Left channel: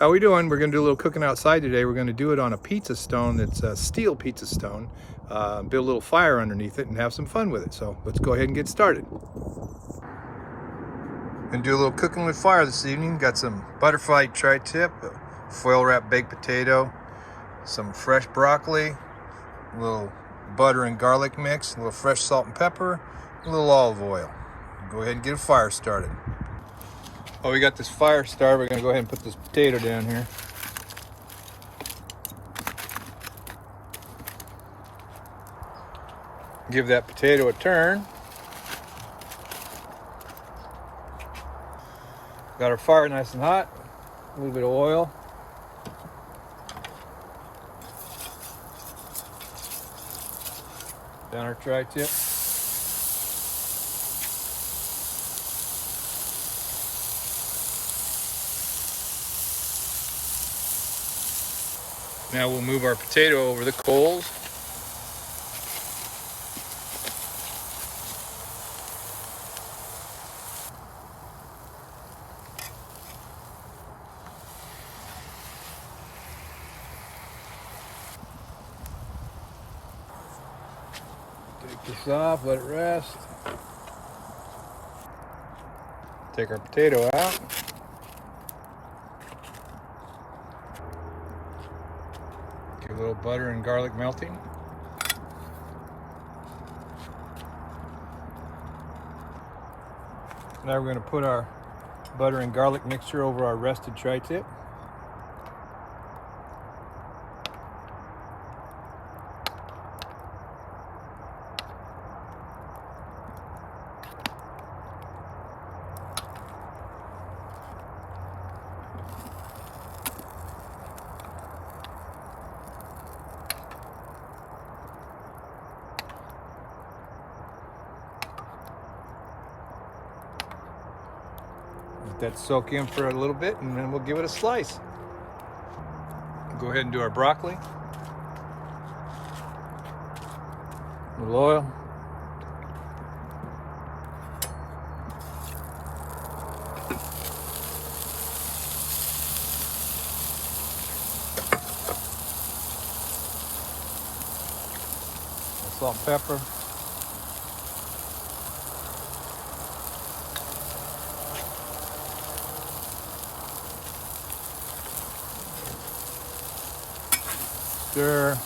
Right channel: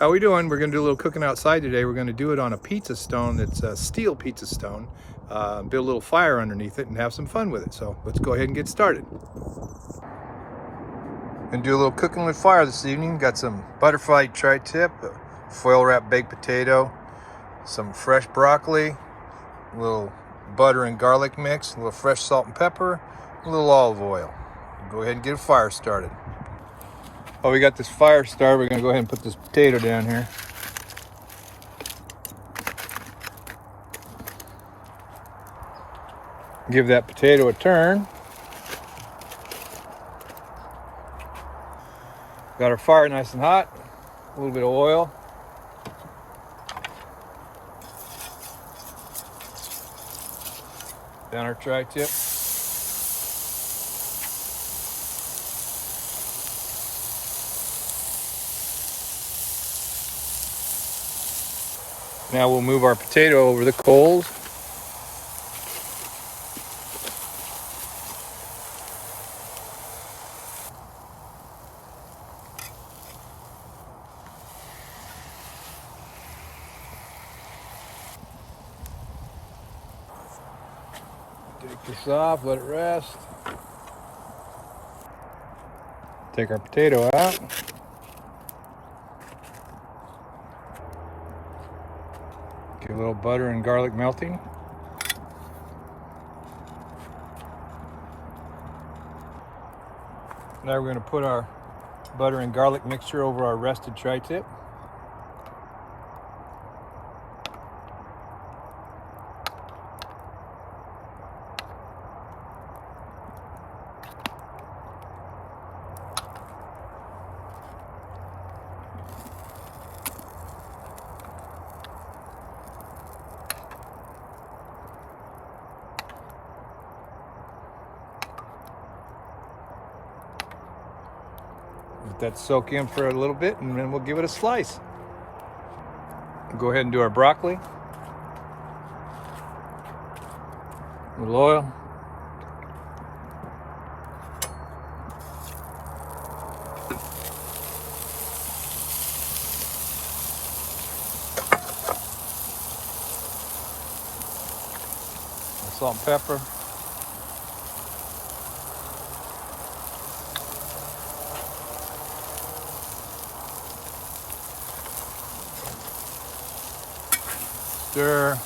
How we doing? We're going to do a little cooking outside today. We're going to do it on a pizza stone that's a steel pizza stone. Build a little fire underneath it and have some fun with it. So let's go ahead and get started. Gonna do a little cooking with fire this evening. Got some Butterflied Tri-Tip, foil wrapped baked potato, some fresh broccoli, a little butter and garlic mix, a little fresh salt and pepper, a little olive oil. Go ahead and get a fire started. While we got this fire started, we're gonna go ahead and put this potato down here. Give that potato a turn. Got our fire nice and hot. A little bit of oil. Down our tri-tip. Now we'll move our potato over the coals. Take this off, let it rest. Take our potato out. Get a little butter and garlic melting. Now we're going to put our butter and garlic mixture over our rested tri-tip. Let that soak in for a little bit and then we'll give it a slice. Go ahead and do our broccoli. A little oil. Salt and pepper. Stir.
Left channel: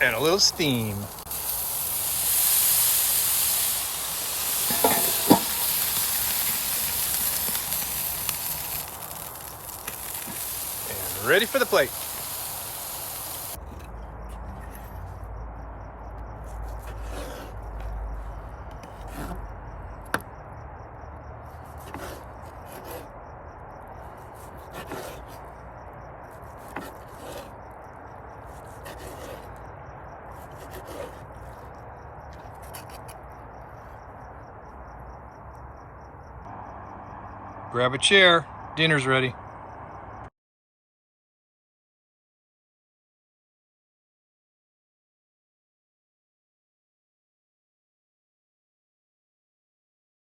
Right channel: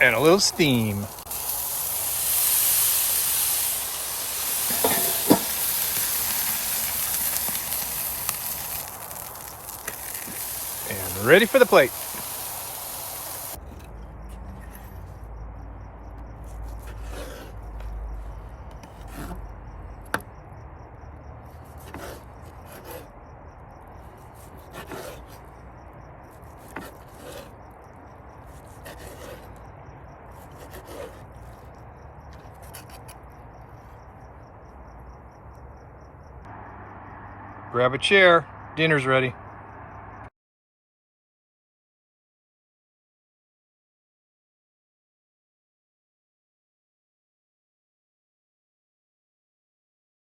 And a little steam. And ready for the plate. Grab a chair, dinner's ready.